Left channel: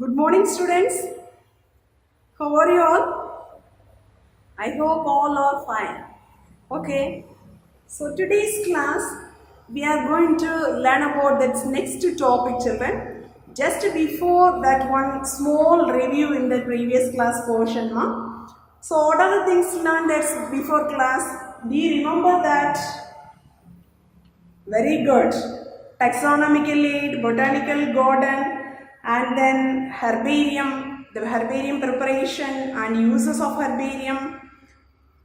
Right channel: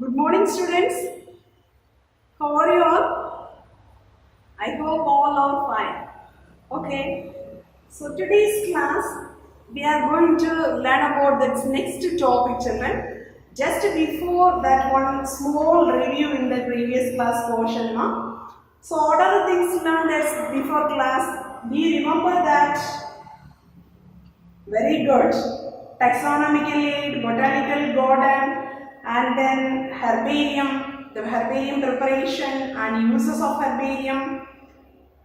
Good morning, students. How are you all? I hope all are fine. Okay. So today's class, we are going to learn about that next topic, children. Just before that, one small review in the previous class portion. Ma. So what are the things learned as before class? Do you remember that? Very good. Taxonomical aid, botanical garden, and then herbarium, the herbarium preparation and uses of herbarium.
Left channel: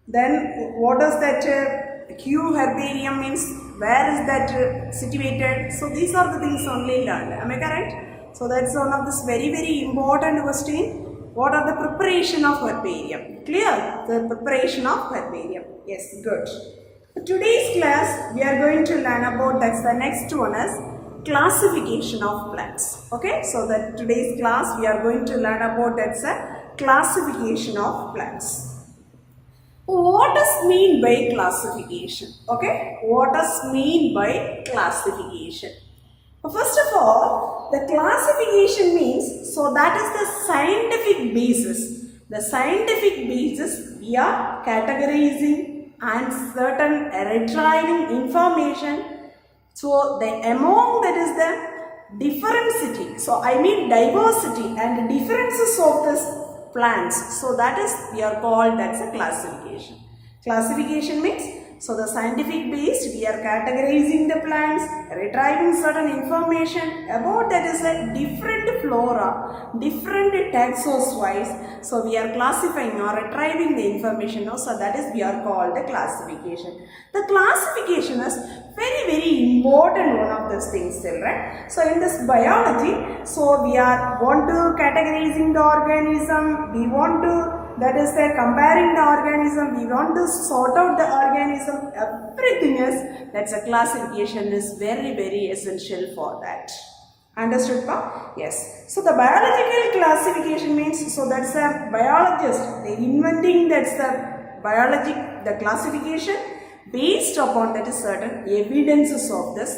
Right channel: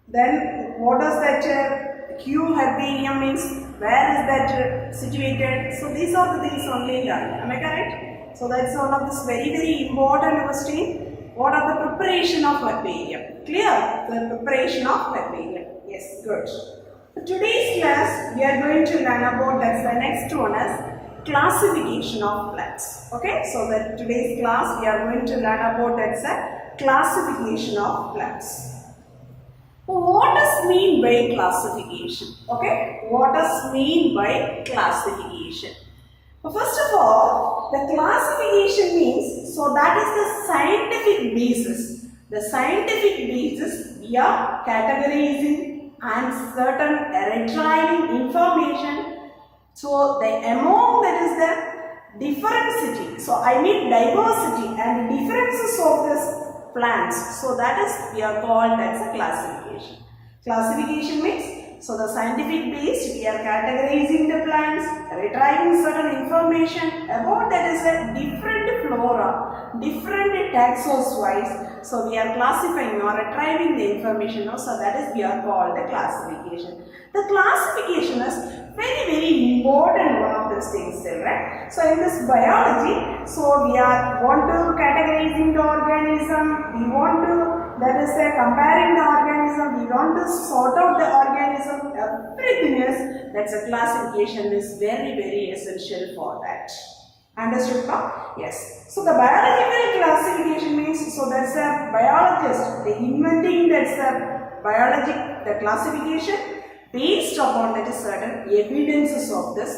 Then what does that Q herbarium means? Where is that situated? So these are the things only learned. Am I correct? So that's one of this very important question. What are the preparation of herbarium? Clear? The preparation of herbarium. Yes, good. Today's class we are going to learn about that's the next one is classification of plants. Okay, so that today's class we are going to learn about that's a classification of plants. What does mean by classification? Okay, what does mean by classification? First of all, the classification means so that is the scientific basis. The scientific basis we are categorizing and certain retrieving information. So the among that is the differentity. So I mean diversity and differences of this plants. So that is we are called as a classification. Classification means so the scientific base we are categorizing the plants, retrieving certain information about that is a different flora, different taxons wise. So we are classifying or retrieving the information. So that is we are called the classification. The classification is very important one of these things, children. So in this biology, so we are want to categorizing the organism, we want to that is comparing the organism, we want to sort out the organism, everything is that's a classification is very essential for that. Understood? Yes. So the biological classification means so that's a biologist, the inventing that's the the classification based upon that is certain evidences of this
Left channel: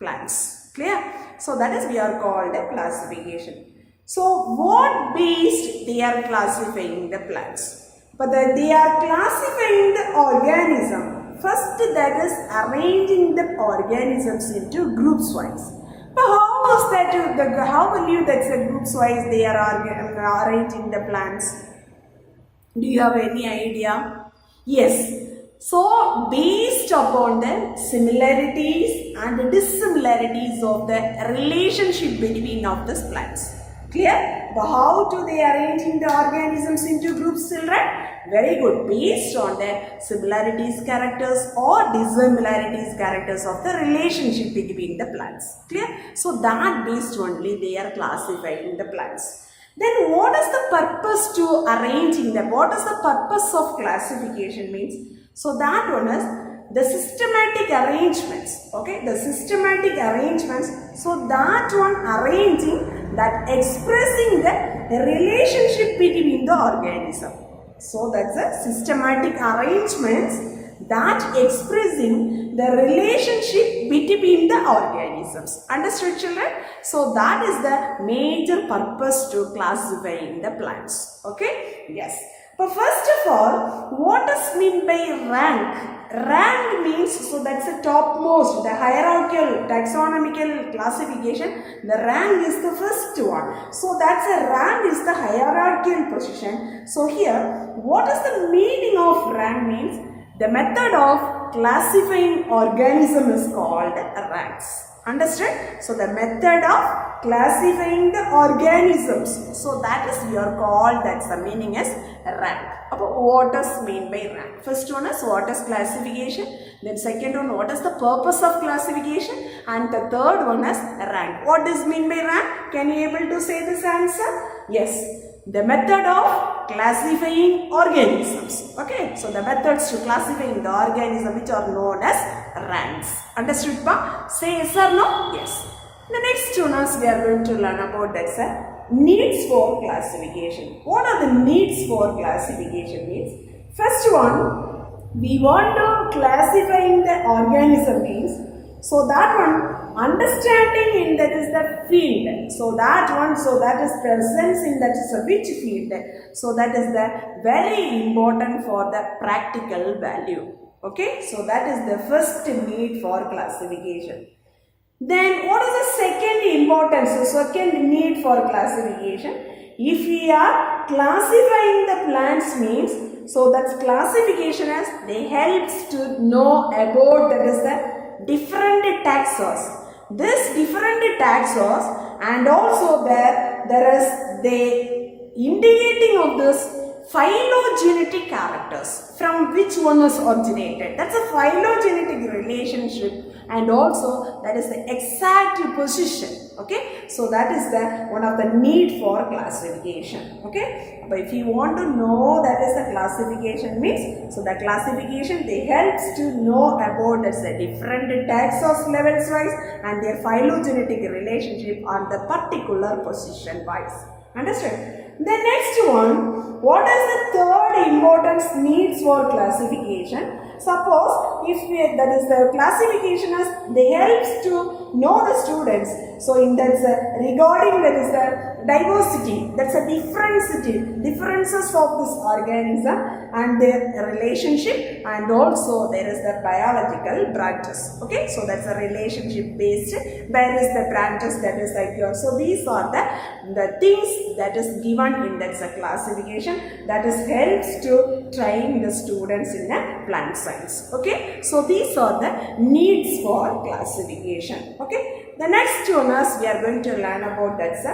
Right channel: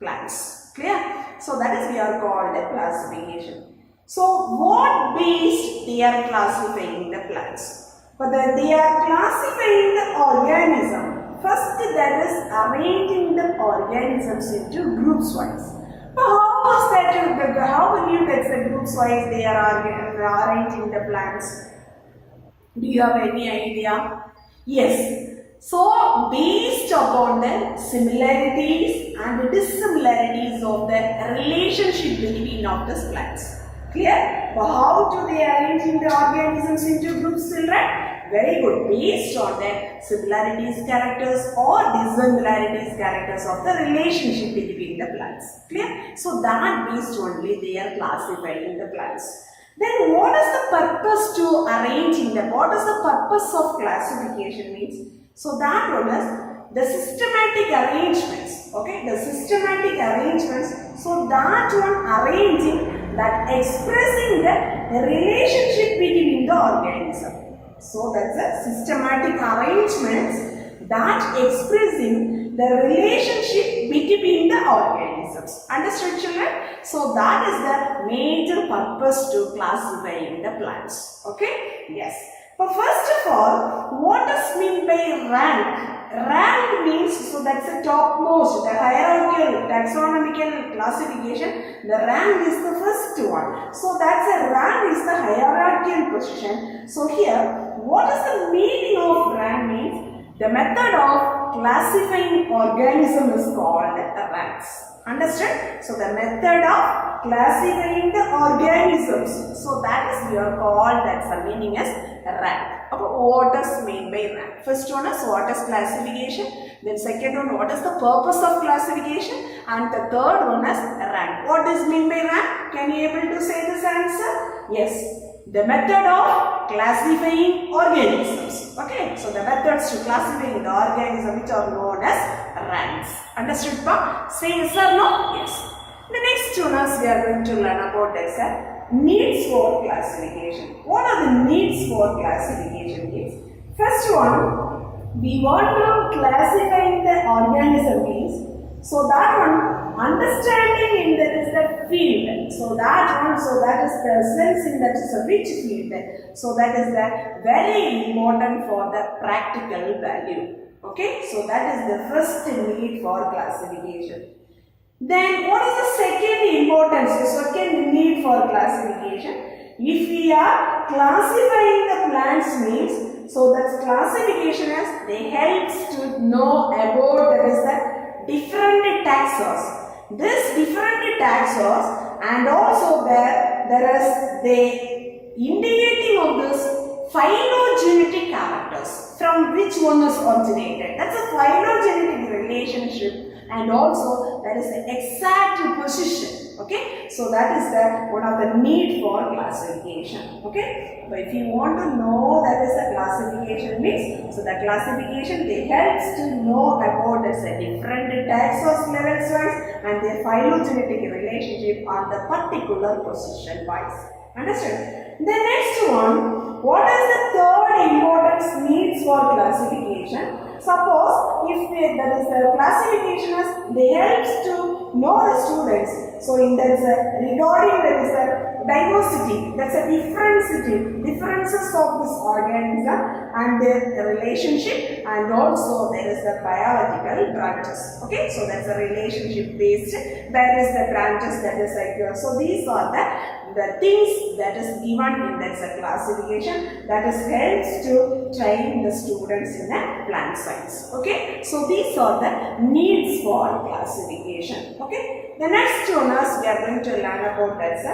plants. Clear? So that is we are called a classification. So what based they are classifying the plants? But they are classifying the organism. First that is arranging the organisms into groups wise. But how is that? How will you that's a groups wise they are arranging the plants? Do you have any idea? Yes. So, based upon the similarities and dissimilarities of the relationship between of the plants. Clear? But how do they arranging the organisms into groups, children? Very good. Based on the similarities characters or dissimilarities characters of the relationship between the plants. Clear? So, that based only they are classifying the plants. Then what is the purpose to arranging them? What is the purpose of classification means? So that one is the systematic arrangements. Okay, the systematic arrangements. So that one arranging that expressing the relationship between the organism. So that's a systematic arrangements that expressing the relationship between the organisms. Understood, children? So that is the major purpose to classifying the plants. Okay? Yes. But first of all, what does mean by rank? Rank means, so that's the topmost, the hierarchical, taxonomical classification. The rank is the first one. So that's a rank is the hierarchical position. So here, what is the meaning of rank means? The method of classifying organism is called ranks. Understand? So the method of classifying the organisms. So that is we are called, that's the meaning is rank. What does mean by rank? First one is what is classification. Then second one, what is the purpose of classification? And the third one is rank. What does mean by rank? Can you able to say this answer? Yes. The method of classifying organisms. Okay. So the methods to classifying the organism which are known as ranks. Understood, pa? Say yes or no? Yes. The next one is we are going to learn about that needs for classification. What are the needs for classification means? First one, we want to classifying the organism means, so that one understanding in that is the field. So that is presence in that is a which field. So that is the very important for the practical value. Okay, so that is the first need for classification. Then what is the second importance, the second need for classification? If we are classifying the plants means, so that's classification as they helps to know about that is the different taxons. This different taxons and also there is the indicating of this phylogenetic characters from which one was originated. That's a phylogenetic relationship and also that is the exact position. Okay, so that is the one of the need for classification. Okay, but if you want to know that is the classification means, so the classification they helps to know about the different taxons levels wise and their phylogenetic relationship on the particular position wise. Understand? The next one, what is the third importance needs for classification? Suppose if that is the classification as they helps to know the students. So in that regarding that is the diversity, that's a differences of this organism and their relationship, and also there is the biological branches. Okay, so that's a relationship based. Where is the branches that is like yours. So these are the things that is given in that classification that is helps to train the students in a plant science. Okay, so these are the needs for classification. Okay, the next one is we are going to learn about that's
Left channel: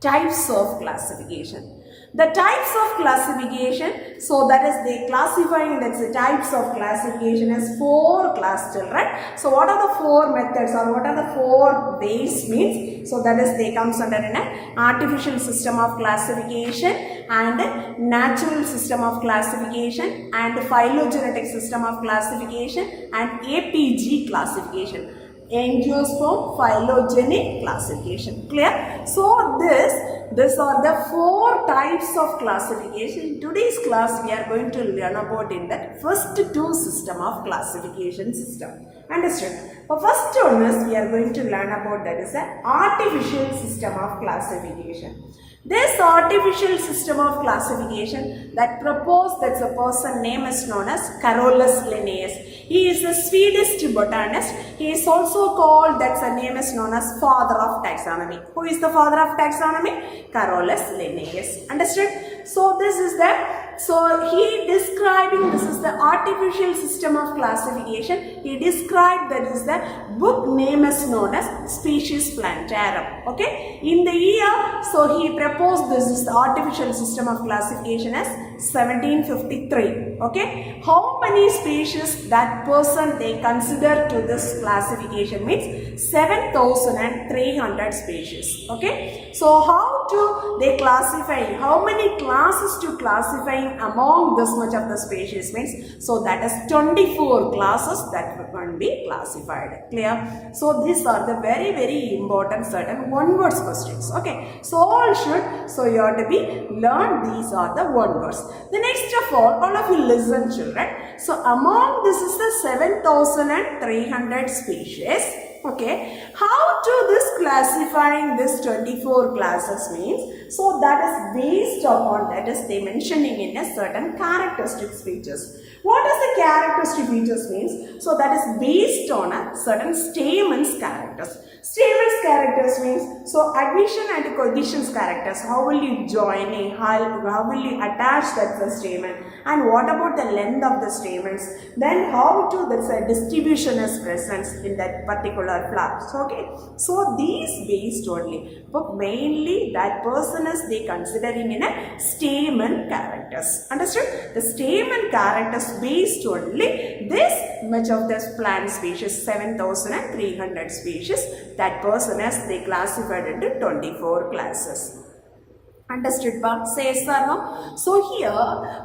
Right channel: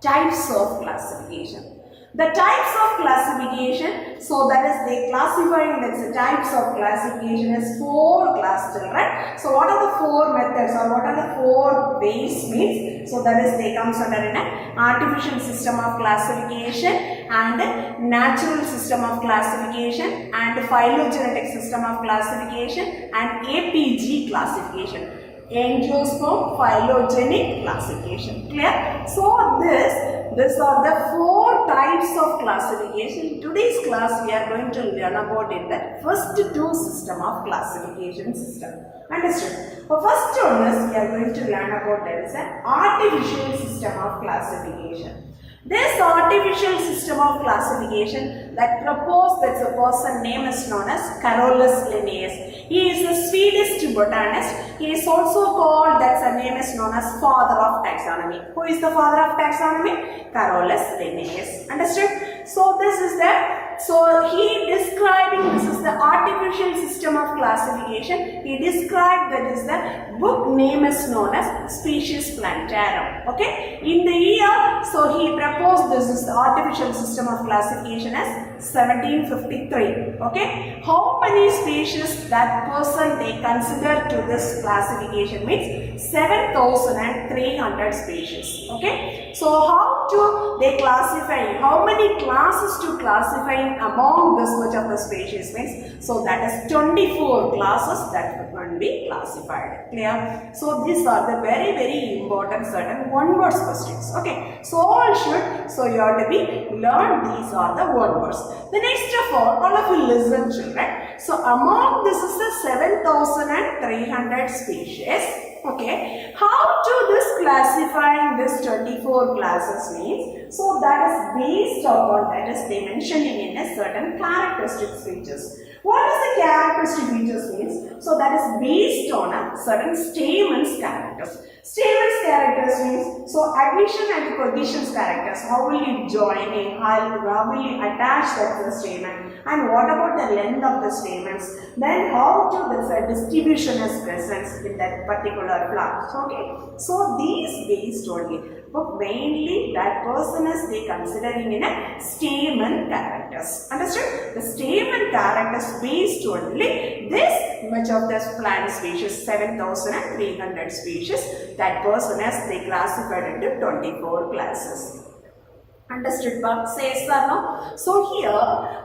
types of classification. The types of classification, so that is they classifying that's the types of classification as 4 class children. So what are the 4 methods or what are the 4 ways means? So that is they comes under an artificial system of classification and natural system of classification and phylogenetic system of classification and APG classification. Angiosperm phylogenetic classification. Clear? So these are the 4 types of classification. In today's class we are going to learn about in the first 2 system of classification system. Understood? The first one is we are going to learn about that is an artificial system of classification. This artificial system of classification that proposed that's a person name is known as Carolus Linnaeus. He is a Swedish botanist. He is also called that's a name is known as father of taxonomy. Who is the father of taxonomy? Carolus Linnaeus. Understood? So this is he describing this is the artificial system of classification. He described that is the book name is known as Species Plantarum. Okay, in the year so he proposed this is the artificial system of classification as 1753. Okay, how many species that person they consider to this classification means 7,300 species. Okay, so how to they classify, how many classes to classify among this much of the species means, so that is 24 classes that can be classified. Clear? So these are the very important certain one words questions. Okay, so all should, so you have to be learn these are the one words. The next of all of you listen children. So among this is the 7,300 species. Okay, how to this classifying this 24 classes means, so that is based upon that is they mentioning in a certain characteristic features. What is the characteristic features means? So that is based on a certain stamens characters. Stamens characters means, so adhesion and cohesion characters. How will you join a, how will you attach that to the stamen, and what about the length of the stamens? Then how to the distribution is present in that particular flower. Okay, so these based only, but mainly that person is they considering in a stamen characters. Understood? The stamen characters based only this much of the plant species 7,300 species. That person has they classified into 24 classes. Understood, Bob? Say yes or no? So here,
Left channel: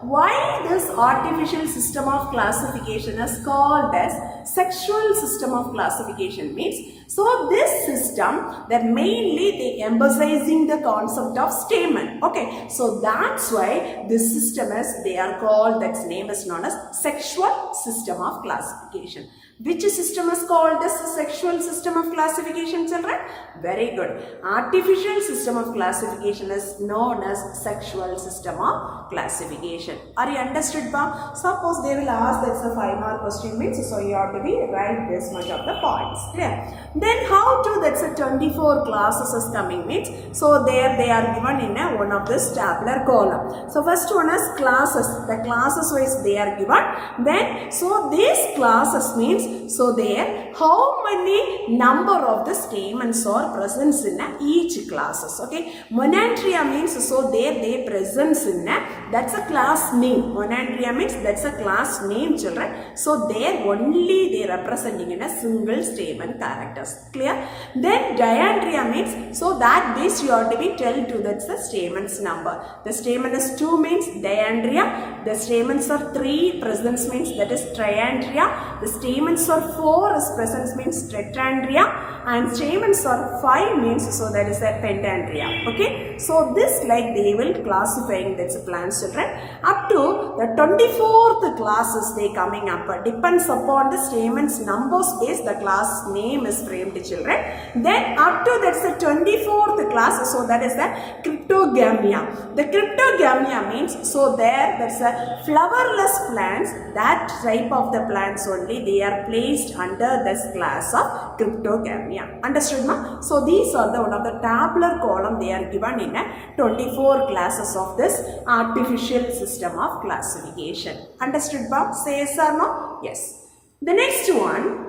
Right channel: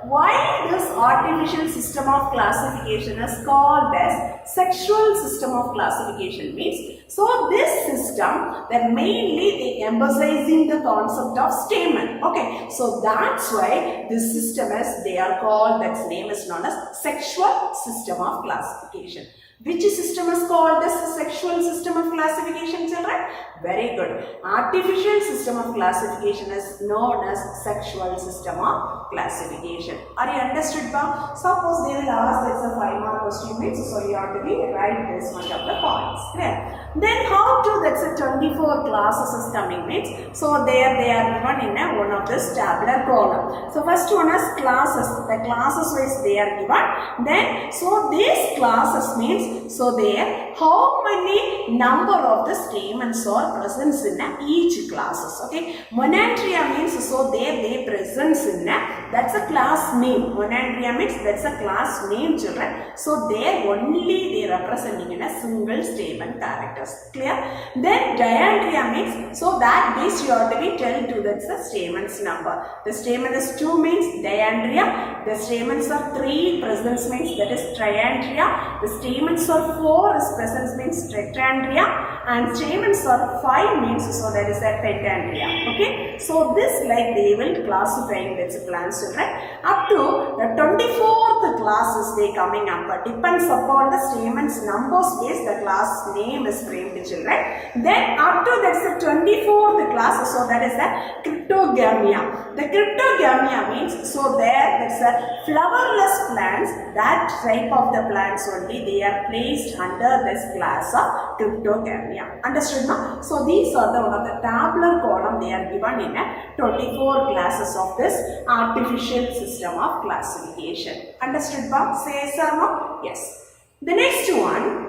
why this artificial system of classification is called as sexual system of classification means, so this system that mainly they emphasizing the concept of stamen. Okay, so that's why this system is they are called, that name is known as sexual system of classification. Which system is called as sexual system of classification, children? Very good. Artificial system of classification is known as sexual system of classification. Are you understood, ba? Suppose they will ask, that's a 5-mark question means, so you have to be write this much of the points. Clear? Then how to, that's a 24 classes is coming means, so there they are given in a one of this tabular column. So first one is classes. The classes wise they are given. Then so these classes means, so there how many number of the stamens are present in each classes. Okay, Monandria means, so there they presence in that's a class name. Monandria means that's a class name, children. So there only they representing in a single stamen characters. Clear? Then diandria means, so that this you have to be tell to, that's the stamens number. The stamen is 2 means diandria. The stamens are 3 presence means that is triandria. The stamens are 4 is presence means tetrandria. And stamens are 5 means, so that is a pentandria. Okay, so this like they will classifying that's a plants, children. Up to the 24th classes they coming up, but depends upon the stamens numbers base the class name is framed, children. Then up to that's the 24th class, so that is the cryptogamia. The cryptogamia means, so there that's a flowerless plants, that type of the plants only they are placed under this class of cryptogamia. Understood, ma? So these are the one of the tabular column they are given in a 24 classes of this artificial system of classification. Understood, ma? Say yes or no? Yes. The next one.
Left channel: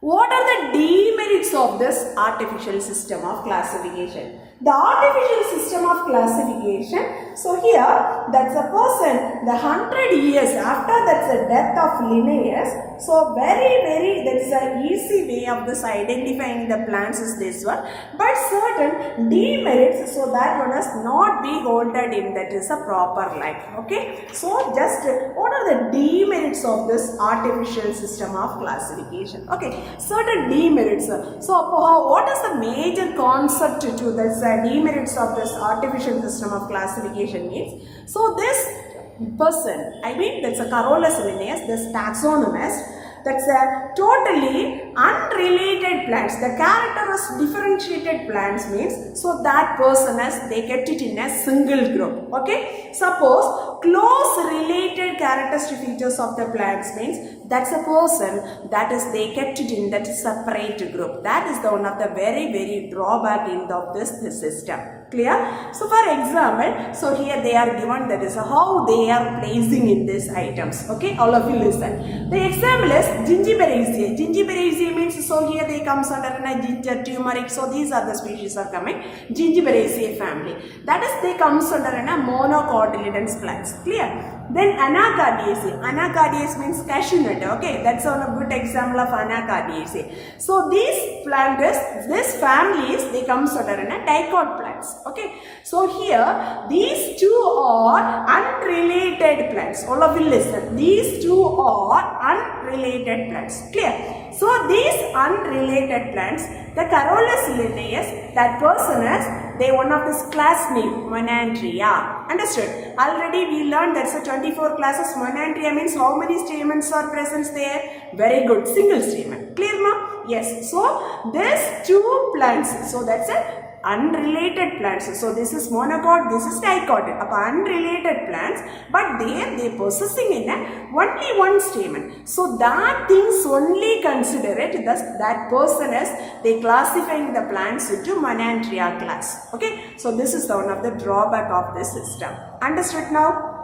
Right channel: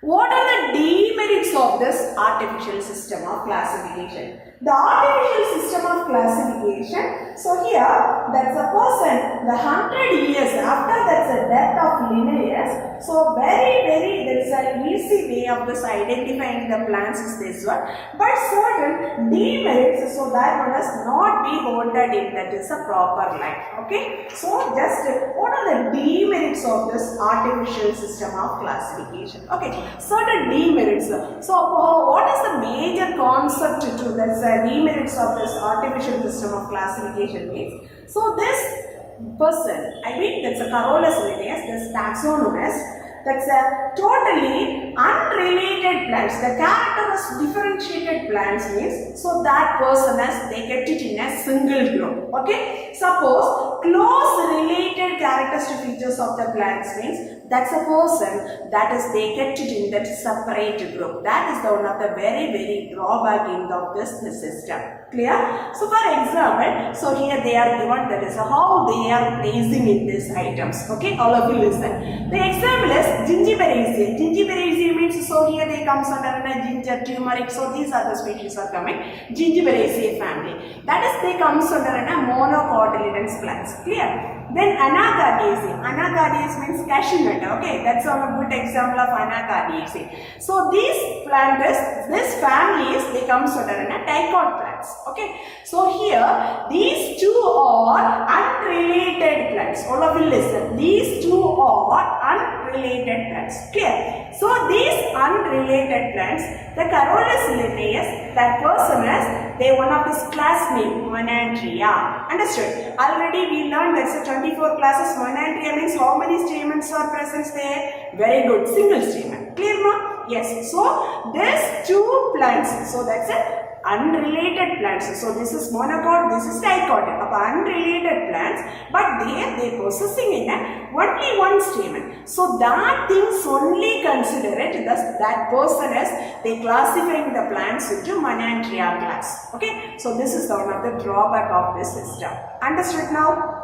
What are the demerits of this artificial system of classification? The artificial system of classification, so here that's a person, the 100 years after that's the death of Linnaeus, so very that's an easy way of this identifying the plants is this one, but certain demerits, so that one has not be holded in that is a proper life. Okay, so just what are the demerits of this artificial system of classification? Okay, certain demerits. So what is the major concept to this demerits of this artificial system of classification means? So this person, I mean that's a Carolus Linnaeus, this taxonomist, that's a totally unrelated plants. The character is differentiated plants means, so that person has they kept it in a single group. Okay, suppose close related characteristic features of the plants means, that's a person that is they kept it in that separate group. That is the one of the very drawback in this system. Clear? So for example, so here they are given that is how they are placing in these items. Okay, all of you listen. The example is Gingiberaceae. Gingiberaceae means, so here they comes under a ginger, turmeric. So these are the species are coming. Gingiberaceae family. That is they comes under a monocotyledons plants. Clear? Then Anacardiaceae. Anacardiaceae means cashew nut. Okay, that's a good example of Anacardiaceae. So these plants, this families, they comes under a dicot plants. Okay, so here these two are unrelated plants. All of you listen. These two are unrelated plants. Clear? So these unrelated plants, the Carolus Linnaeus, that person is they one of this class name Monandria. Understood? Already we learned that's a 24 classes. Monandria means how many stamens are present there? Very good. Single stamen. Clear now? Yes. So these two plants. So that's a unrelated plants. So this is monocot, this is dicot. Unrelated plants, but they possessing in only one stamen. So that things only consider it that person as they classifying the plants into Monandria class. Okay, so this is one of the drawback of this system. Understood now?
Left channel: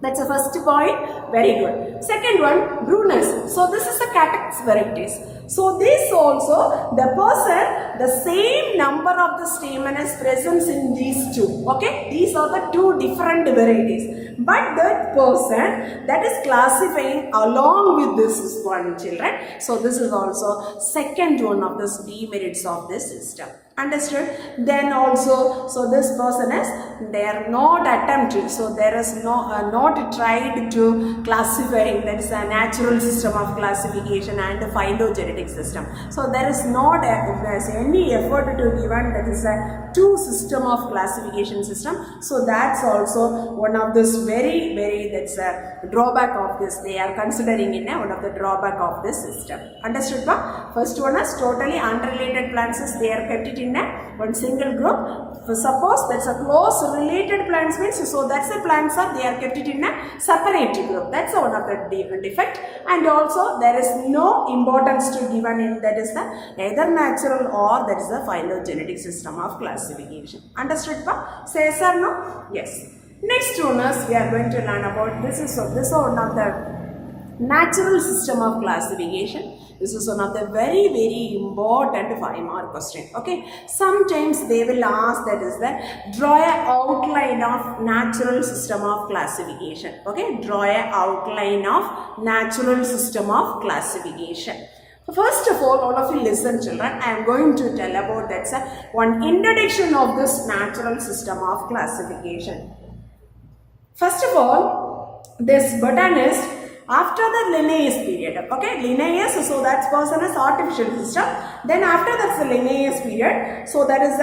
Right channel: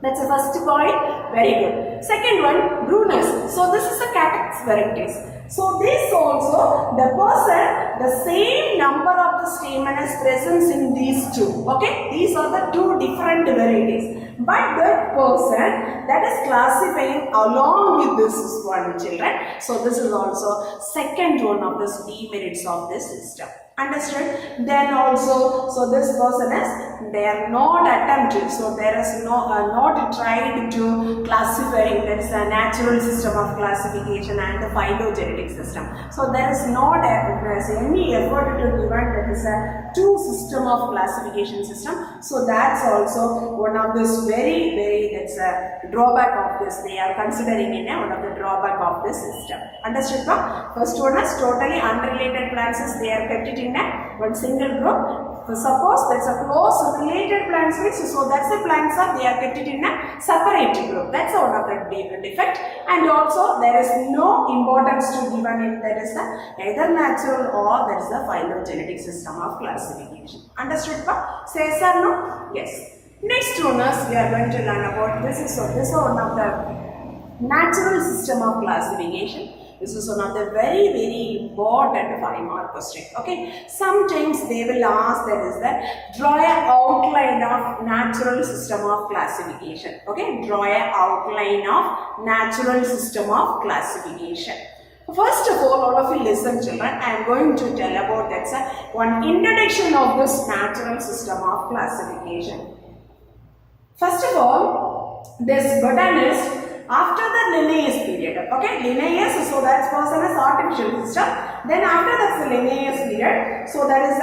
That's the first point. Very good. Second one, Brunus. So this is a catex varieties. So this also the person, the same number of the stamen is present in these two. Okay, these are the two different varieties. But that person that is classifying along with this one, children. So this is also second one of the demerits of this system. Understood? Then also, so this person is they are not attempted, so there is not tried to classify, there is a natural system of classification and a phylogenetic system. So there is not any effort to given that is a two system of classification system. So that's also one of this very that's a drawback of this. They are considering in one of the drawback of this system. Understood? First one is totally unrelated plants, they are kept it in one single group. Suppose that's a close related plants means, so that's the plants they are kept it in a separate group. That's one of the defect. And also there is no importance to given in that is the either natural or that is the phylogenetic system of classification. Understood? Say yes or no? Yes. Next one is we are going to learn about this is one of the natural system of classification. This is one of the very important 5-mark question. Okay, sometimes they will ask that is that draw a outline of natural system of classification. Okay, draw a outline of natural system of classification. First of all of you listen children, I am going to tell about that's one introduction of this natural system of classification. First of all, this botanist after the Linnaeus period, okay, Linnaeus, so that person is artificial system. Then after that's the Linnaeus period, so that is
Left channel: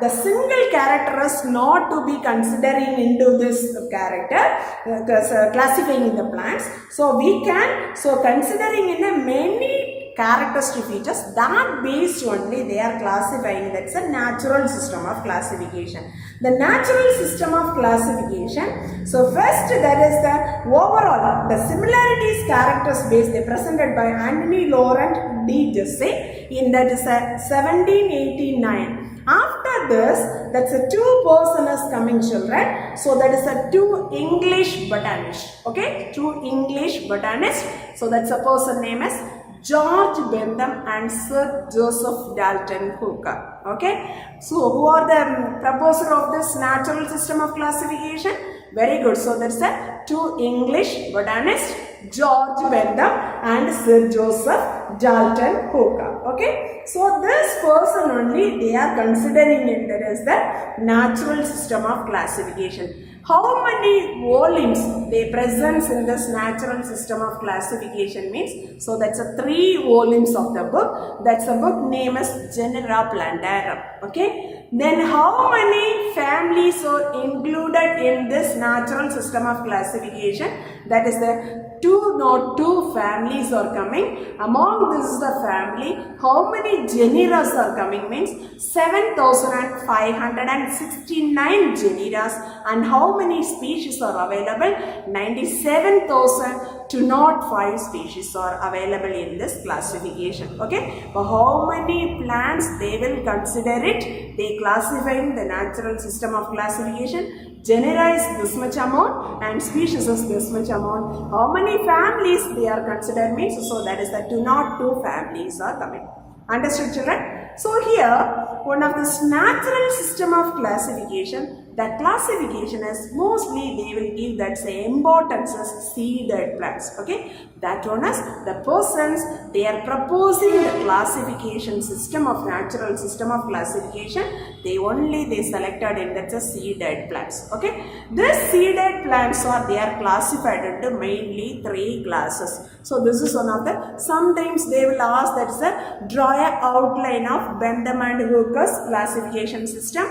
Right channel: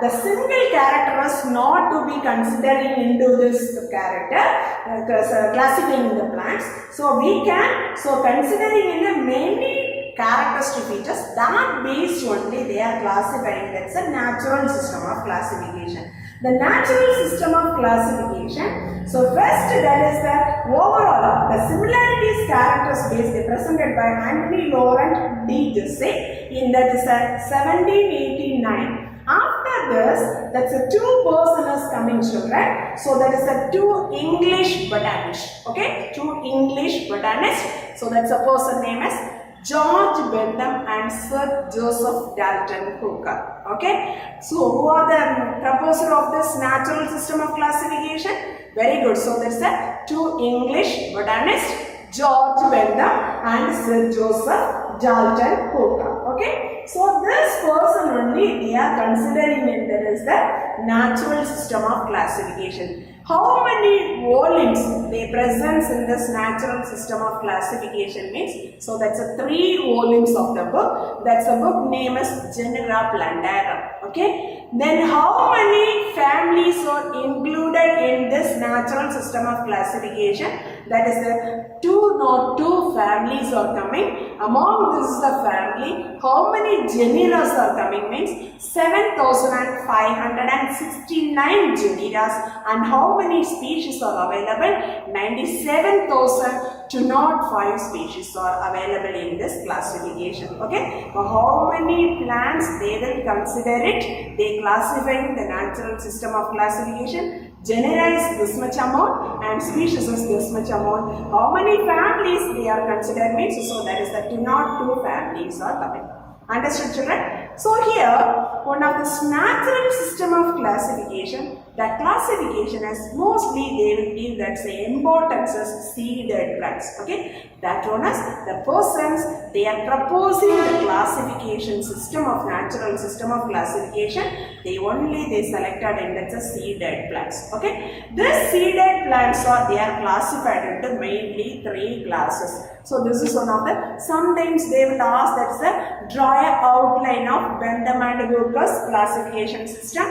the single character is not to be considering into this character, classifying the plants. So we can, so considering in a many characteristic features, that based only they are classifying, that's a natural system of classification. The natural system of classification, so first that is the overall, the similarities characters based, they presented by Anthony Laurent de Jesse in that is 1789. After this, that's a two person is coming children, so that is a two English botanists, okay, two English botanists, so that's a person name is George Bentham and Sir Joseph Dalton Hooker. Okay, so who are the proposer of this natural system of classification? Very good. So that's the two English botanists, George Bentham and Sir Joseph Dalton Hooker. Okay, so this person only they are considering it as the natural system of classification. How many volumes they present in this natural system of classification means, so that's a 3 volumes of the book. That's a book name is Genera Plantarum. Okay, then how many families are included in this natural system of classification? That is the 202 families are coming. Among this is the family, how many genera are coming means 7,569 genera, and how many species are available? 97,205 species are available in this classification. Okay, for how many plants they will consider it? They classifying the natural system of classification. Genera is this much amount and species is this much amount. How many families they are considered means, so that is the 202 families are coming. Understood children? So here one of this natural system of classification, that classification is mostly they will give that say importance as seeded plants. Okay, that one is the persons they are proposing the classification system of natural system of classification, they selected in that's a seeded plants. Okay, this seeded plants they are classified into mainly 3 classes. So this is one of the, sometimes they will ask that's a draw a outline of Bentham and Hooker's classification system,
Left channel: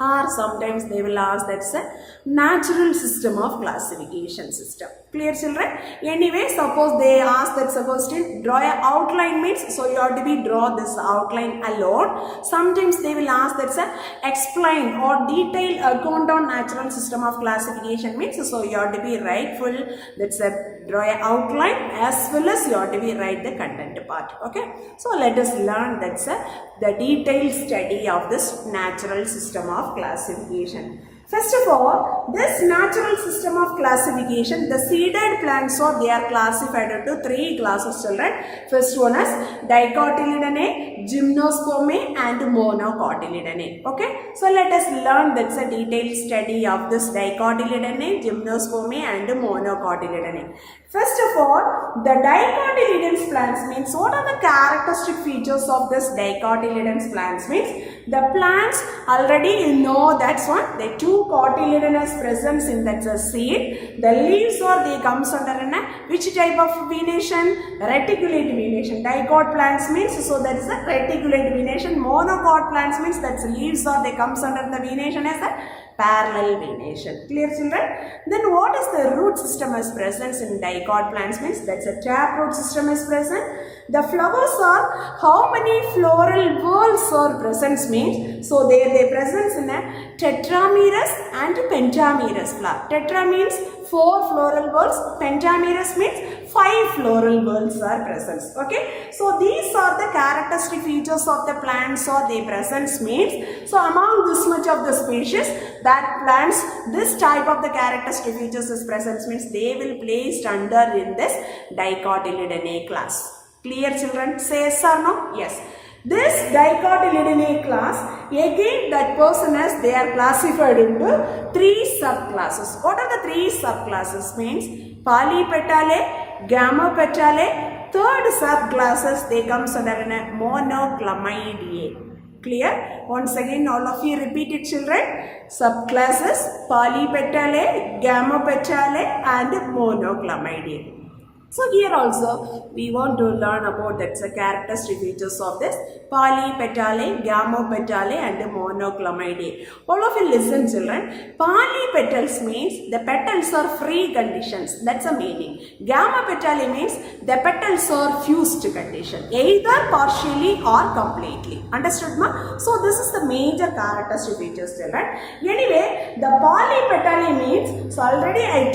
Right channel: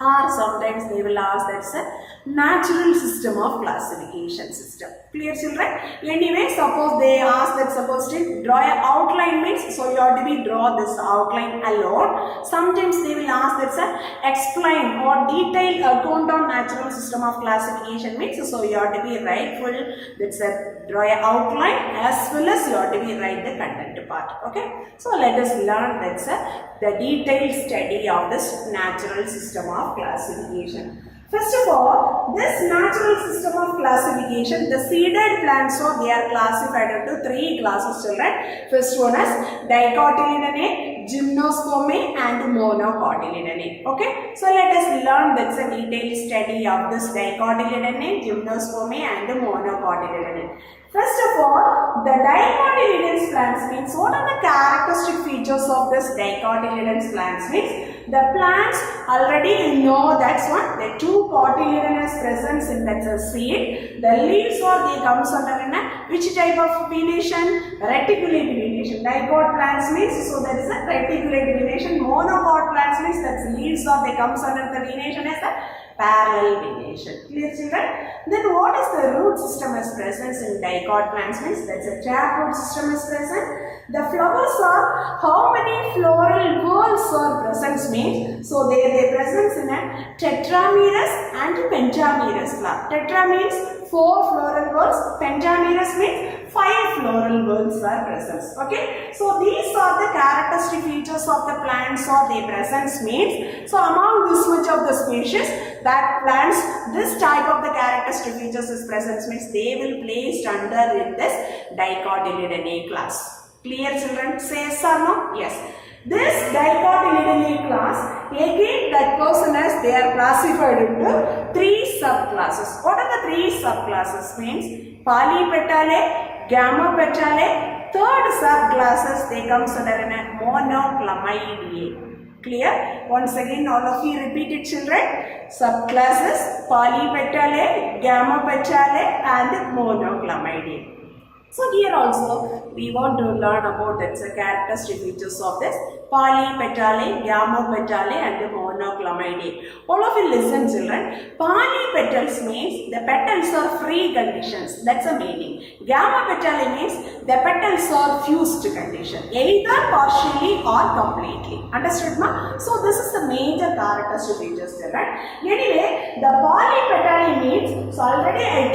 or sometimes they will ask that's a natural system of classification system. Clear children? Anyway, suppose they ask that suppose to draw a outline means, so you have to be draw this outline alone. Sometimes they will ask that's a explain or detailed account on natural system of classification means, so you have to be write full that's a draw a outline as well as you have to be write the content part. Okay, so let us learn that's the detailed study of this natural system of classification. First of all, this natural system of classification, the seeded plants they are classified into 3 classes children. First one is Dicotyledonnae, Gymnospermae and Monocotyledonnae. Okay, so let us learn that's a detailed study of this Dicotyledonnae, Gymnospermae and Monocotyledonnae. First of all, the dicotyledons plants means what are the characteristic features of this dicotyledons plants means the plants already you know that's what the two cotyledonous presence in that seed. The leaves are they comes under in a which type of venation? Reticulate venation. Dicot plants means so that is a reticulate venation. Monocot plants means that's leaves or they comes under the venation as a parallel venation. Clear children? Then what is the root system as present in dicot plants means that's a taproot system is present. The flowers are how many floral whorls are present means so they present in a tetramerous and pentamerous flower. Tetra means 4 floral whorls, pentamerous means 5 floral whorls are present. Okay, so these are the characteristic features of the plants or they presence means so among this much of the species that plants this type of the characteristic features is present means they will placed under in this dicotyledonate class. Clear children? Say yes or no? Yes. This dicotyledonate class again that person as they are classified into 3 subclasses. What are the 3 subclasses means? Polypetale, Gamopetale, third subclasses they comes under a Monoclamidae. Clear? Once again all of you repeat it children. Subclasses Polypetale, Gamopetale and Monoclamidae. So here also we want to learn about the characteristic features of this polypetale, gamopetale and monoclamidae. All of you listen children. Polypetals means the petals are free conditions. That's a meaning. Gamopetale means the petals are fused condition. Either partially or completely. Understood ma? So this is the major characteristic features children. Anyway, the polypetale means so already I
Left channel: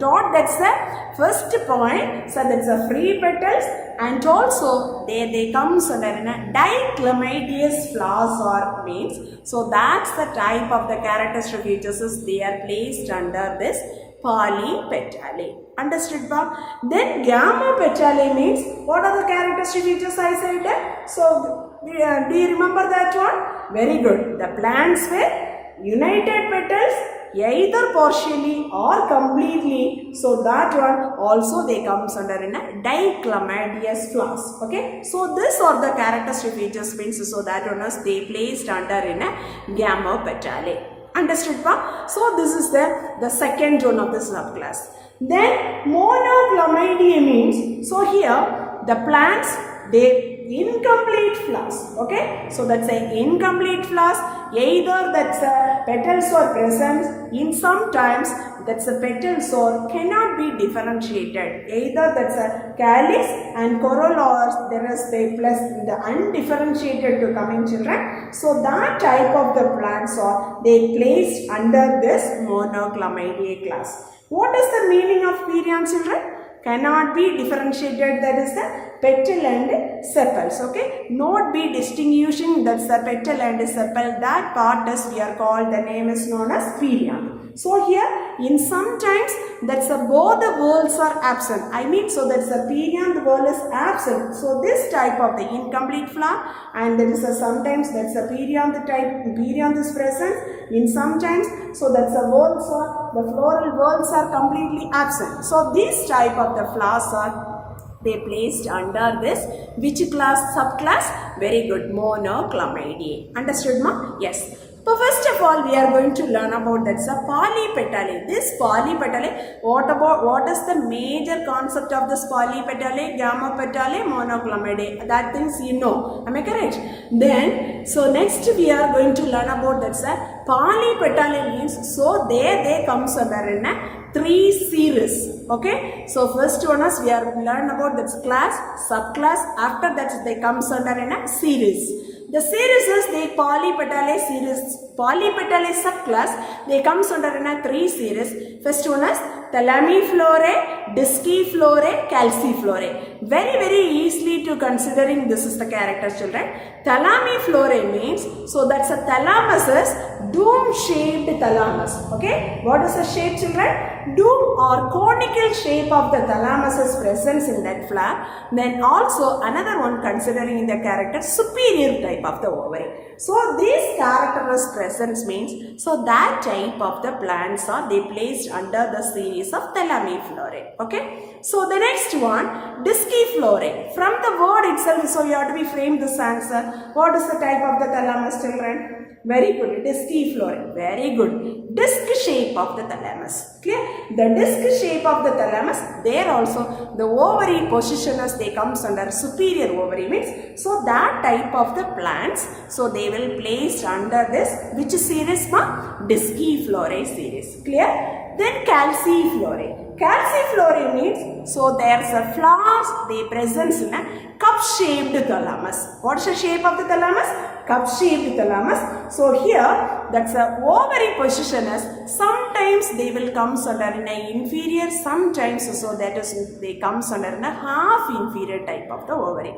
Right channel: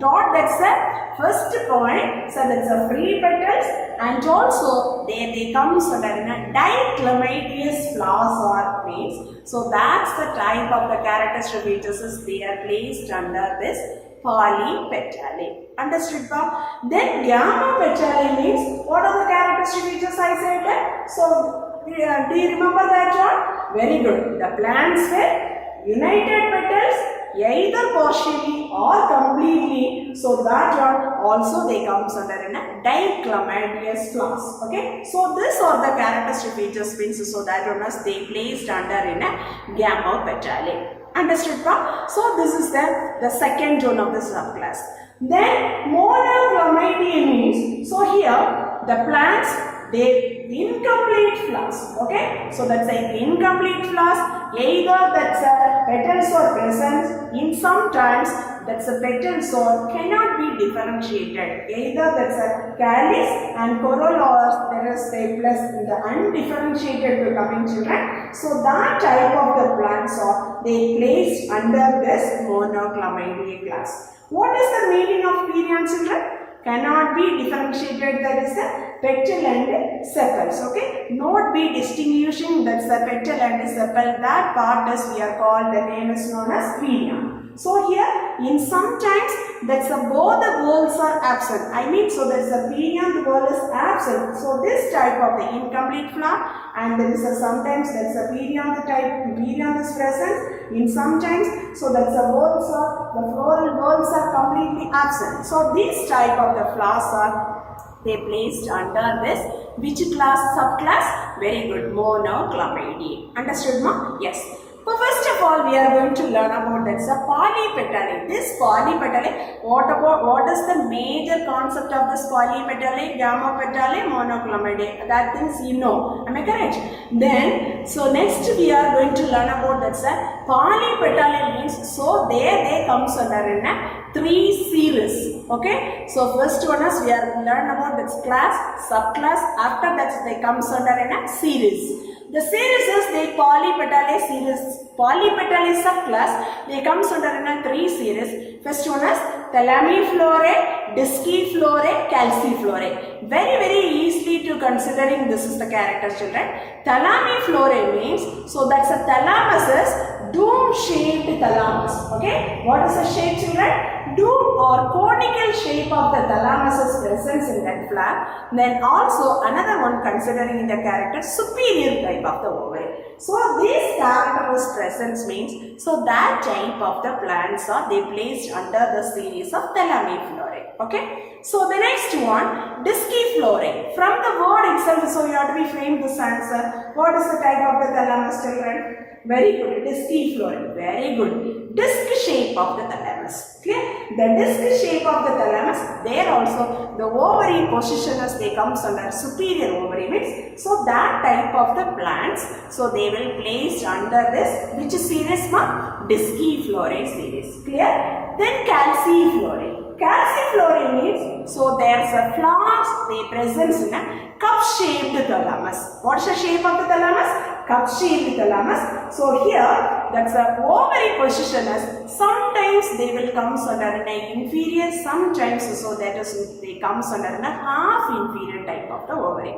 taught that's the first point, so that's a free petals and also they comes under in a diclamideous flowers or means. So that's the type of the characteristic features is they are placed under this polypetale. Understood ba? Then gamopetale means what are the characteristic features I said? So do you remember that one? Very good. The plants with united petals either partially or completely, so that one also they comes under in a diclamideous flowers. Okay, so these are the characteristic features means so that one is they placed under in a gamopetale. Understood pa? So this is the second one of the subclass. Then monoclamidae means so here the plants they incomplete flowers. Okay, so that's an incomplete flowers. Either that's a petals are present in sometimes that's a petals or cannot be differentiated. Either that's a calyx and corolla or there is a plus the undifferentiated to coming children. So that type of the plants are they placed under this monoclamidae class. What is the meaning of perianth children? Cannot be differentiated, that is the petal and sepals. Okay, not be distinguishing, that's the petal and sepal. That part is we are called, the name is known as perianth. So here in sometimes that's both the whorls are absent. I mean so that's the perianth whorl is absent. So this type of the incomplete flower and there is sometimes that's a perianth type, perianth is present in sometimes. So that's the whorls are, the floral whorls are completely absent. So this type of the flowers are they placed under this which class, subclass? Very good, monoclamidae. Understood ma? Yes. So first of all we are going to learn about that's a polypetale. This polypetale, what is the major concept of this polypetale, gamopetale, monoclamidae? That things you know. Am I correct? Then so next we are going to learn about that's a polypetale means so they comes under in a 3 series. Okay, so first one is we are learn about this class, subclass. After that they comes under in a series. The series is the polypetale series. Polypetale subclass they comes under in a 3 series. First one is Thalamiflorae, Disciflorae, Calciflorae. Very easily to considering this is the character children. Thalamiflorae means so that's a thalamus is dome shaped thalamus. Okay, what is the shape children? Dome or conical shape of the thalamus is present in that flower. Then also another one considering the character superior type of the ovary. So this character is present means so that type of the plants are they placed under the series case of Thalamiflorae. Okay. So the next one, Disciflorae. From the word itself, so you have to be framed this answer. What is the type of the thalamus, children? Very good. Disciflorae. Very good. Disc shape of the thalamus. Clear? The disc shape of the thalamus, there also the ovary position as they comes under superior ovary means. So that type of the plants, so they will place under this which series ma? Disciflorae series. Clear? Then Calciflorae. Calciflorae means, so there's a flowers, they presents in a cup-shaped thalamus. What's the shape of the thalamus? Cup-shaped thalamus. So here, that's a ovary position as sometimes they will comes under in a inferior, sometimes so that is they comes under in a half inferior type of the ovary.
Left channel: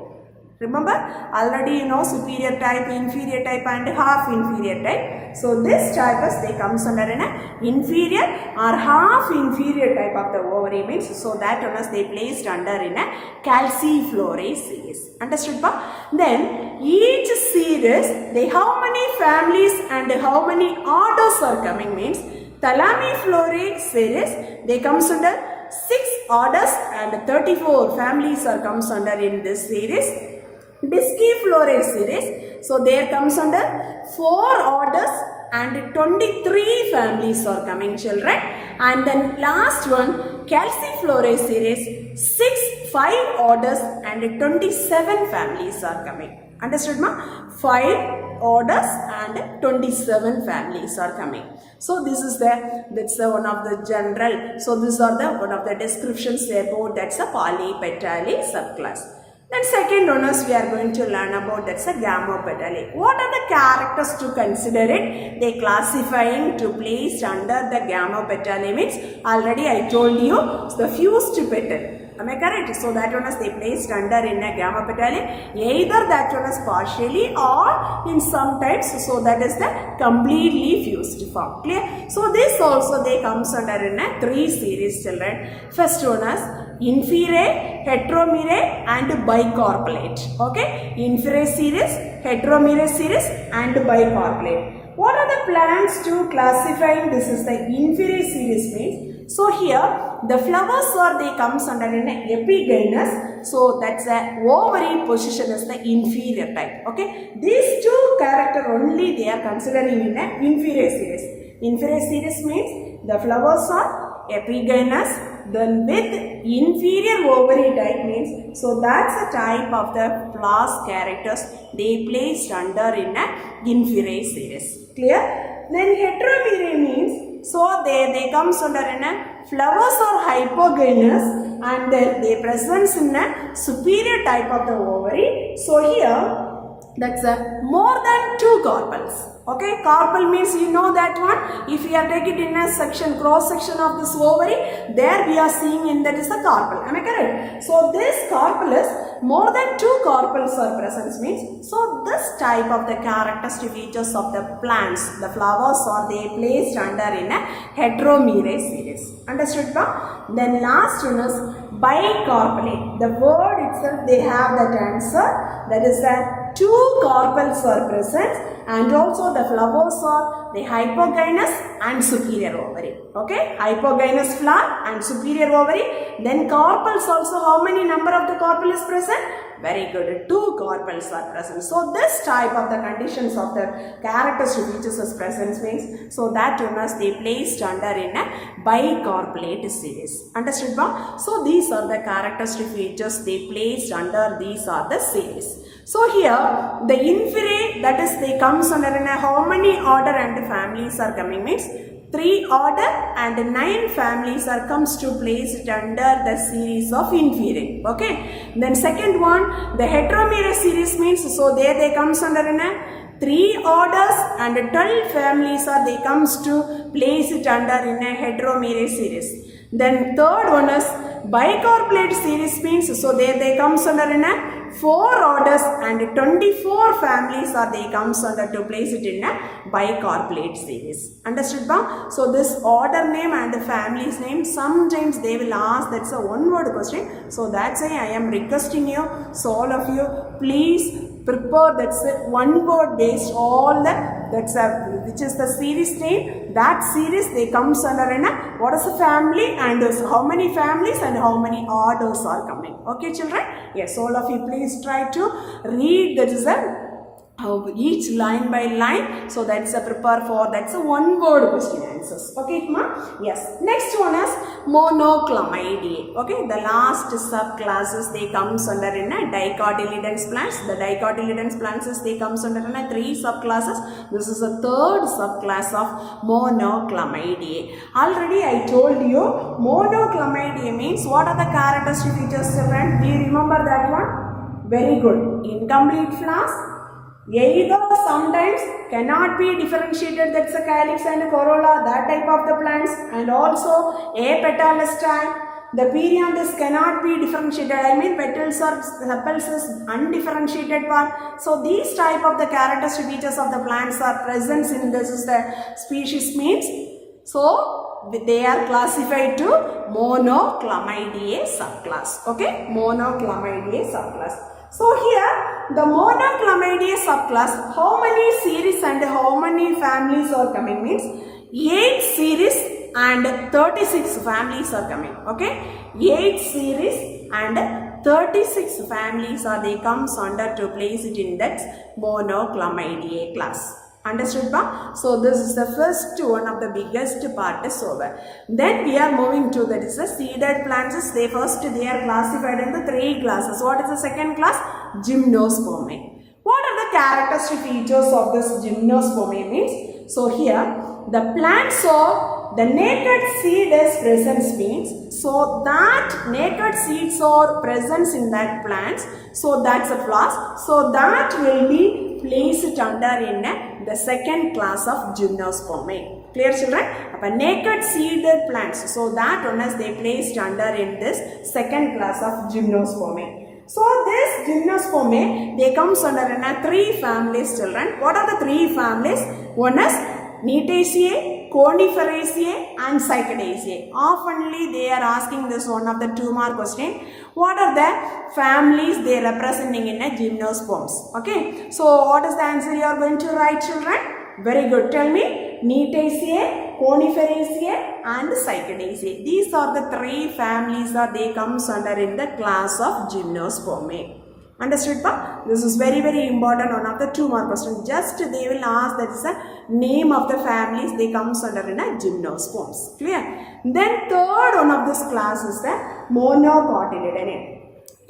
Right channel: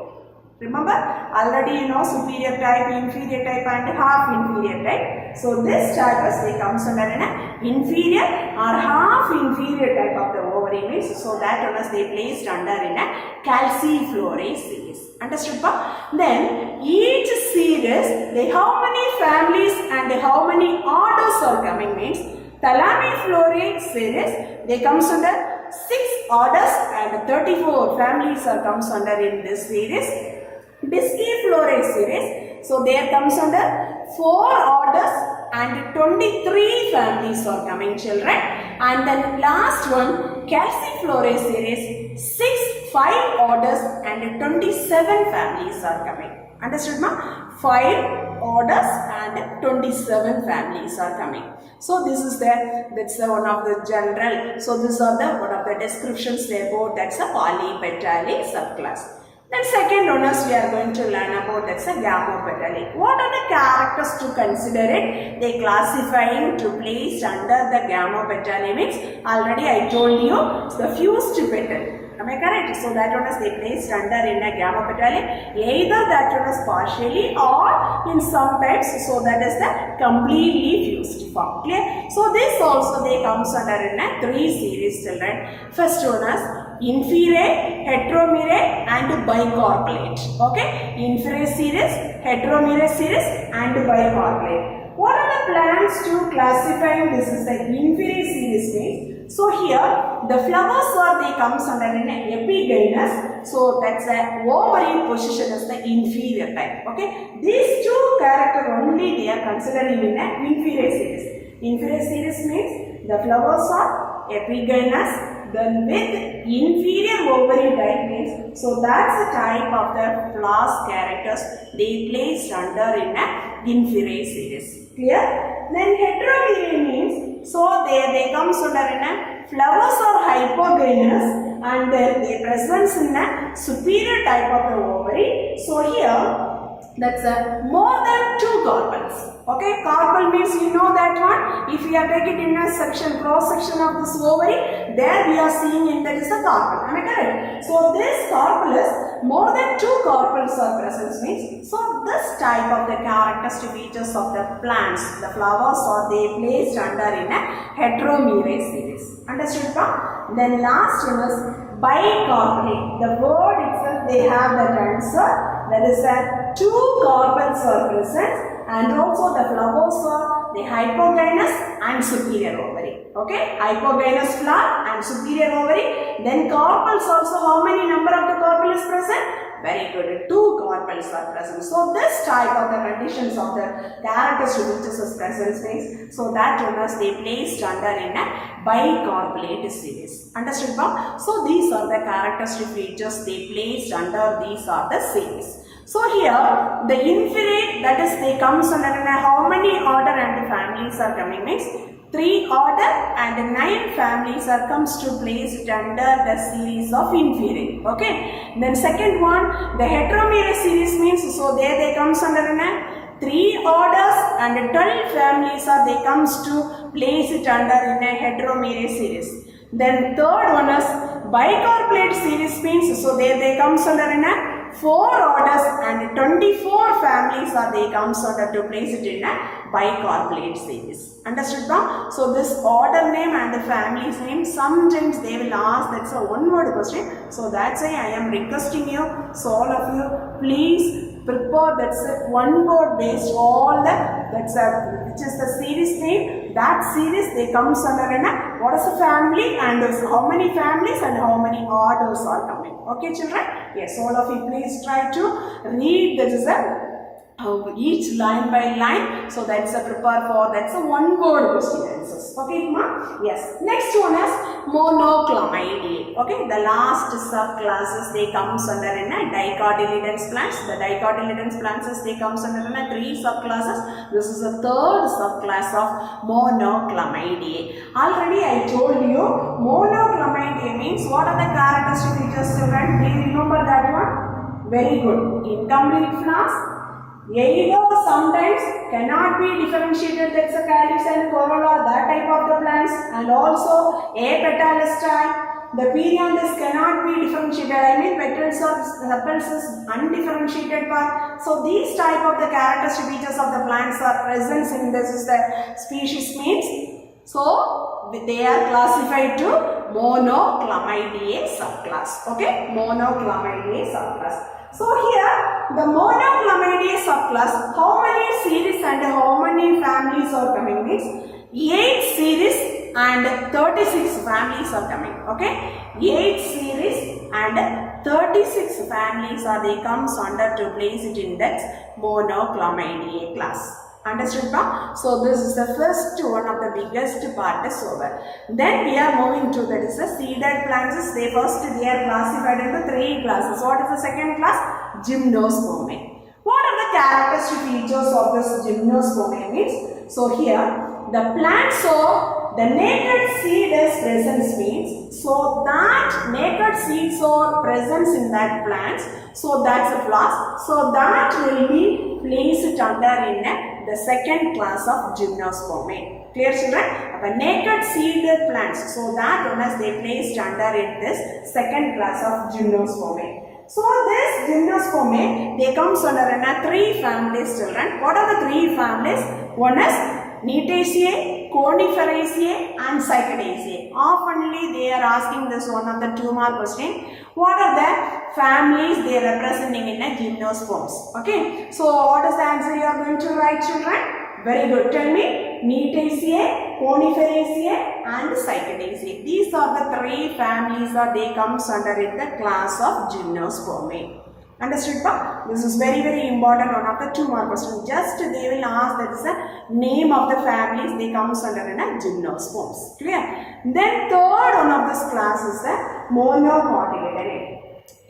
Remember, already you know superior type, inferior type and half inferior type. So this type is they comes under an inferior or half inferior type of the ovary means, so that one is they placed under in a Calciflorae series. Understood? Then each series, they how many families and how many orders are coming means, Thalamiflorae series, they comes under 6 orders and 34 families are comes under in this series. Disciflorae series, so there comes under 4 orders and 23 families are coming, children. And then last one, Calciflorae series, 5 orders and 27 families are coming. Understood ma? 5 orders and 27 families are coming. So this is that's one of the general. So these are the one of the descriptions about that's a polypetalic subclass. Then second one is we are going to learn about that's a Gamopetalic. What are the characters to consider it? They classifying to place under the Gamopetalic means already I told you it's the fused petal. Am I correct? So that one is they placed under in a Gamopetalic. Either that one is partially or in some types, so that is the completely fused form. Clear? So this also they comes under in a 3 series, children. First one is Inferae, Heteromerae and Bicarpellate. Okay? Inferae series, Heteromerae series and Bicarpellate. What are the plants to classifying? This is the Inferae series means. So here the flowers are they comes under an epigynous. So that's the ovary position as the inferior type. Okay? These 2 characters only they are considering in an Inferae series. Inferae series means the flowers are epigynous. Then with inferior ovary type means, so that's the type of the flowers characters they placed under in a Inferae series. Clear? Then Heteromerae means, so they comes under in a flowers are hypogynous and they presents in a superior type of the ovary. So here that's more than 2 carpels. Okay, carpel means you know that one. If we are taking in a section, cross section of this ovary, there we are seeing in that is a carpel. Am I correct? So this carpel is more than 2 carpels are present means. So this type of the characteristic features of the plants, the flowers are they placed under in a Heteromerae series. Understood? Then last one is Bicarpellate. The word itself they have that answer. That is that 2 carpels are present and also the flowers are the hypogynous and superior ovary. Okay, hypogynous flower and superior ovary. Then carpels also, how many number of the carpel is present? Very good, 2 carpels are present. So this type of the conditions of the characteristic features is present means, so that one is they placed under in a Bicarpellate series. Understood? So these are the characteristic features they placed under these are the series. So here the Inferae, that is they comes under in a how many order and families are coming means 3 order and 9 families are comes to place it under the series of Inferae. Okay. Then second one, the Heteromerae series means, so there they comes under in a 3 orders and 12 families are they comes to place it under in a Heteromerae series. Then third one is Bicarpellate series means, so there they comes under in a 4 orders and 24 families are they comes under to place it in a Bicarpellate series. Understood? So this order name and the family's name sometimes they will ask, that's a one word question. So that's why I am requesting you, so all of you please prepare, that's a one word based all the, that's a, which is the series name. That series they comes under in a, what is the family and how many families and how many orders are coming. Okay children? Yes, all of you please try to read, that is a each line by line. So that's a prepare for, that's a one word question answers. Okay ma? Yes. Next one is monoclamidae. Okay, the last subclasses they comes under in a dicotyledons plants. The dicotyledons plants they comes under in a 3 subclasses. This is the third subclass of monoclamidae. Already I told you monoclamidae means what are the characteristic features children? Do you remember that one? Very good. Incomplete flowers. Either sometimes cannot be differentiated, that's a calyx and a corolla, that type of the plants, and also apetalous type. The perianthus cannot be differentiated, I mean petals or sepals is undifferentiated part. So these type of the characteristic features of the plants are present in this is the species means. So they are classified to monoclamidae subclass. Okay, monoclamidae subclass. So here the monoclamidae subclass, how many series and how many families are coming means 8 series and 36 families are coming. Okay, 8 series and 36 families are they comes under to place it in that monoclamidae class. Understood ba? So this is the first one of the biggest part is over. Then we are moving to, that is the seeded plants. They are classified into 3 classes. What is the second class? Gymnospermae. What are the characteristic features of this gymnospermae means? So here the plants or the naked seed is present means, so that naked seeds are present in that plants, so that's a class. So that will be placed under in the second class of gymnospermae. Clear children? The naked seeded plants, so that one is they placed under in this second class of gymnospermae. So this gymnospermae they comes under in 3 families children. What are the 3 families? One is Cnidaceae, Coniferaceae and Cycadaceae. Oftenly they are asking this one of the 2 mark question. What are the families they are representing in a gymnosperms? Okay. So what is the answer you are going to write children? Very good. Tell me. Cnidaceae, Coniferaceae and Cycadaceae. These are the 3 families that they comes under in the class of gymnospermae. Understood pa? This is very very important, one of the 2 mark question. Just they will ask, that is the name of the families they comes under in a gymnosperms. Clear? Then third one of this class is the monocotyledon.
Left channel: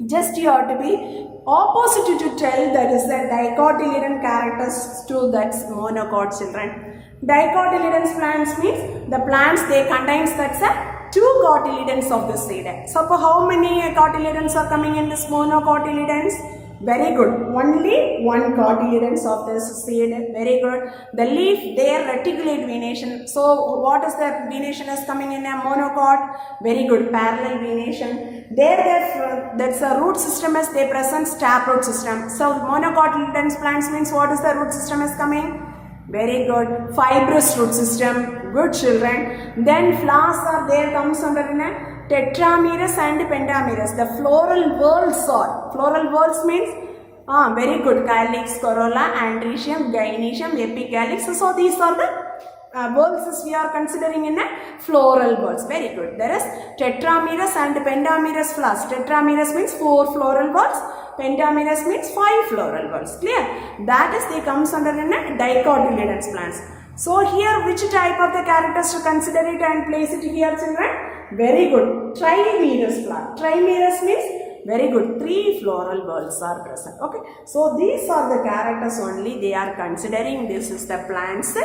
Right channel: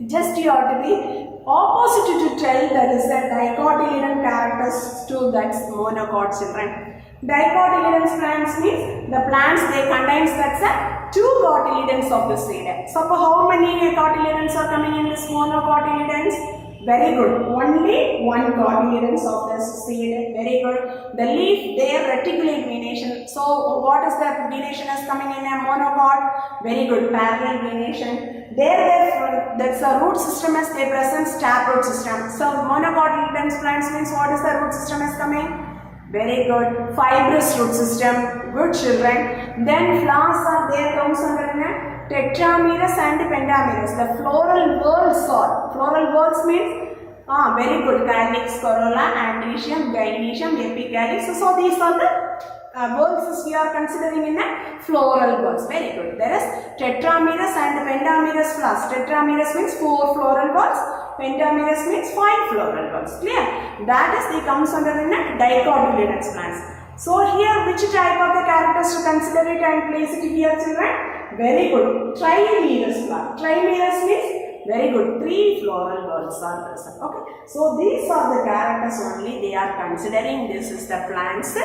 Just you have to be opposite to tell, that is the dicotyledon characters to that monocot children. Dicotyledon plants means the plants they contains that's a 2 cotyledons of the seed. So how many cotyledons are coming in this monocotyledons? Very good. Only 1 cotyledons of this seed. Very good. The leaf there reticulate venation. So what is the venation is coming in a monocot? Very good. Parallel venation. There that's a root system is they present taproot system. So monocotyledons plants means what is the root system is coming? Very good. Fibrous root system. Good children. Then flowers are there comes under in a tetramerous and pentamerous. The floral whorls are. Floral whorls means very good. Calyx, corolla, androecium, gynoecium, epicalyx. So these are the whorls we are considering in a floral whorls. Very good. There is tetramerous and pentamerous flowers. Tetramerous means 4 floral whorls. Pentamerous means 5 floral whorls. Clear? That is they comes under in a dicotyledons plants. So here which type of the characters to consider it and place it here children? Very good. Trimerous flower. Trimerous means very good. 3 floral whorls are present. Okay. So these are the characters only they are considering. This is the plants.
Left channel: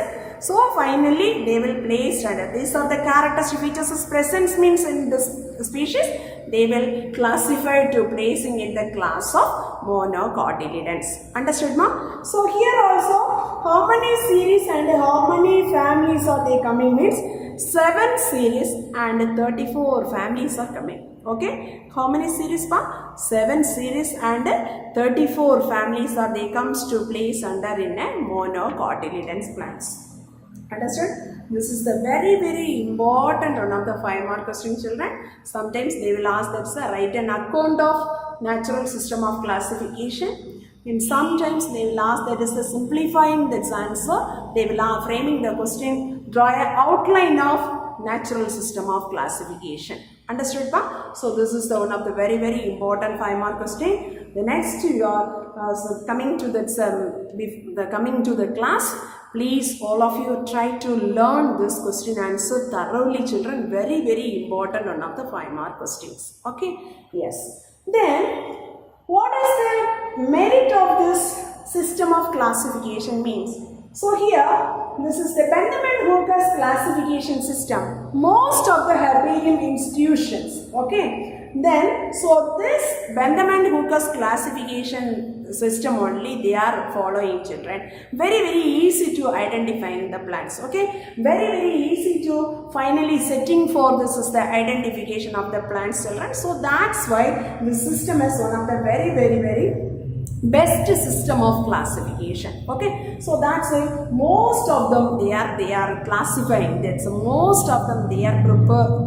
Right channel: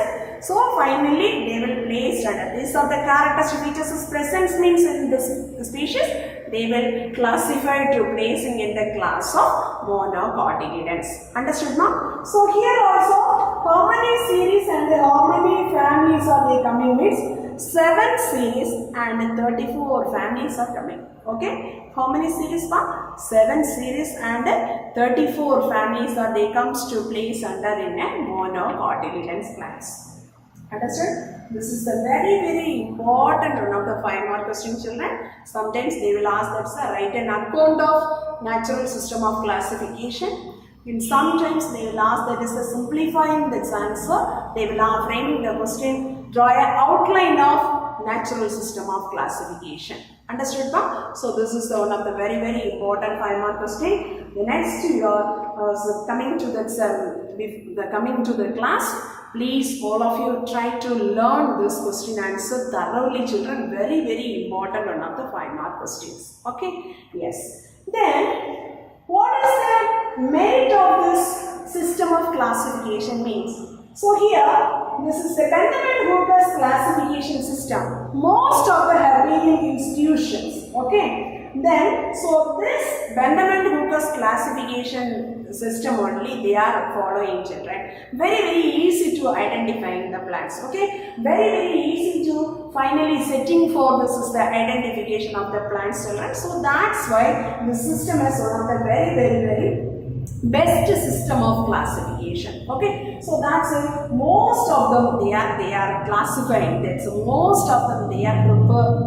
So finally they will place under. These are the characteristic features is present means in this species. They will classify to placing in the class of monocotyledons. Understood ma? So here also how many series and how many families are they coming means 7 series and 34 families are coming. Okay. How many series pa? 7 series and 34 families are they comes to place under in a monocotyledons plants. Understood? This is the very very important one of the 5 mark question children. Sometimes they will ask that sir write an account of natural system of classification. In sometimes they will ask that is the simplifying this answer. They will are framing the question, draw an outline of natural system of classification. Understood ba? So this is the one of the very important 5-mark question. The next you are coming to that coming to the class. Please all of you try to learn this question answer thoroughly, children. Very important one of the 5-mark questions. Okay? Yes. Then what is the merit of this system of classification means? So here, this is the Vanderbilt-Hooker's classification system. Most of the herbarium institutions, okay? Then, so this Vanderbilt-Hooker's classification system only they are following, children. Very easy to identifying the plants, okay? Very easy to finally setting for this is the identification of the plants, children. So that's why this system is one of the very best system of classification. Okay, so that's why most of them they are classifying. That's most of them they are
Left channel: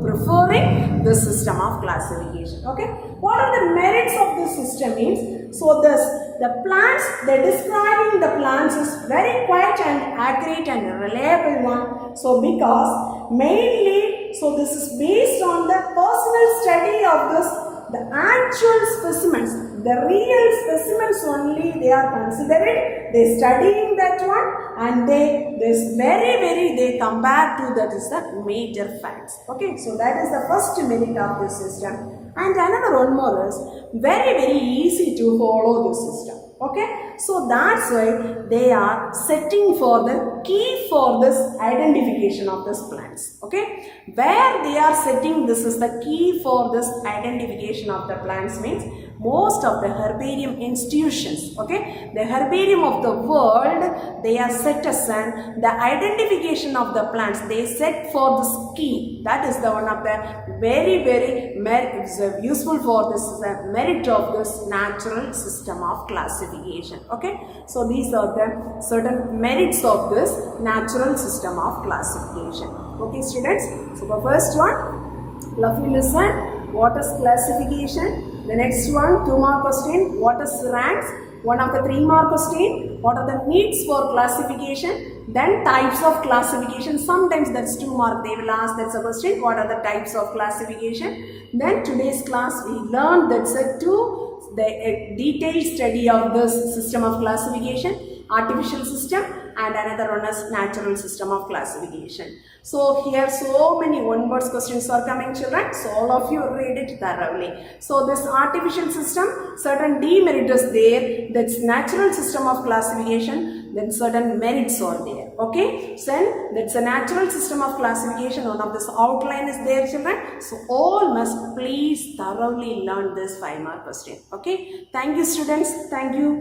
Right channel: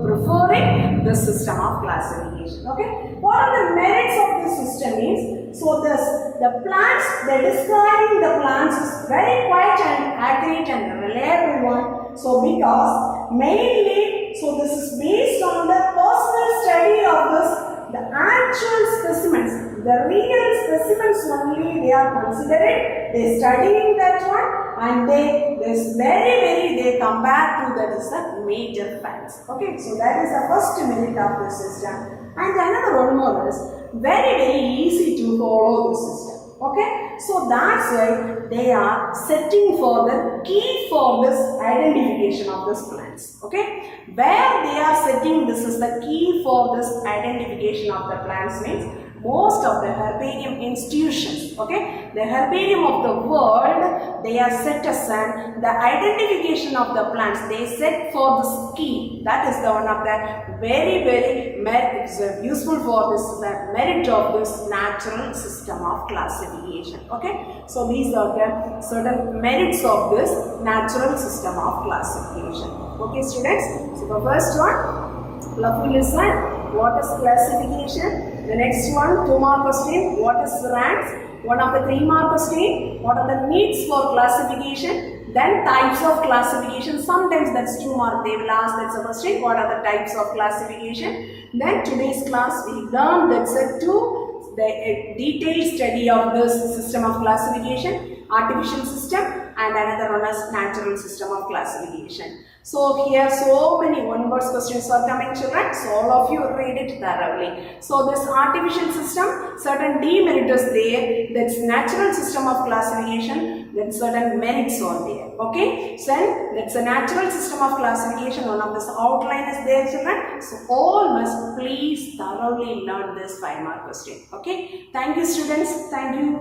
preferring the system of classification. Okay, what are the merits of this system means? So the plants, the describing the plants is very quite and accurate and reliable one. So because mainly, so this is based on the personal study of this, the actual specimens, the real specimens only they are considering, they studying that one, and they compare to that is the major facts. Okay, so that is the first merit of this system. And another one more is very easy to follow the system. Okay, so that's why they are setting for the key for this identification of this plants. Okay, where they are setting this is the key for this identification of the plants means most of the herbarium institutions, okay, the herbarium of the world, they are set aside the identification of the plants, they set for this key. That is the one of the very useful for this merit of this natural system of classification. Okay, so these are the certain merits of this natural system of classification. Okay, students, so the first one, lovely listen, what is classification? The next one, 2-mark question, what is ranks? One of the 3-mark question, what are the needs for classification? Then types of classification, sometimes that's 2-mark, they will ask that's a question, what are the types of classification? Then today's class we learned that's a detailed study of this system of classification, artificial system, and another one is natural system of classification. So here so many one-word questions are coming, children. So all of you read it thoroughly. So this artificial system, certain demerit is there. That's natural system of classification. Then certain merits are there. Okay. So that's a natural system of classification. One of this outline is there, children. So all must please thoroughly learn this 5-mark question. Okay. Thank you, students. Thank you.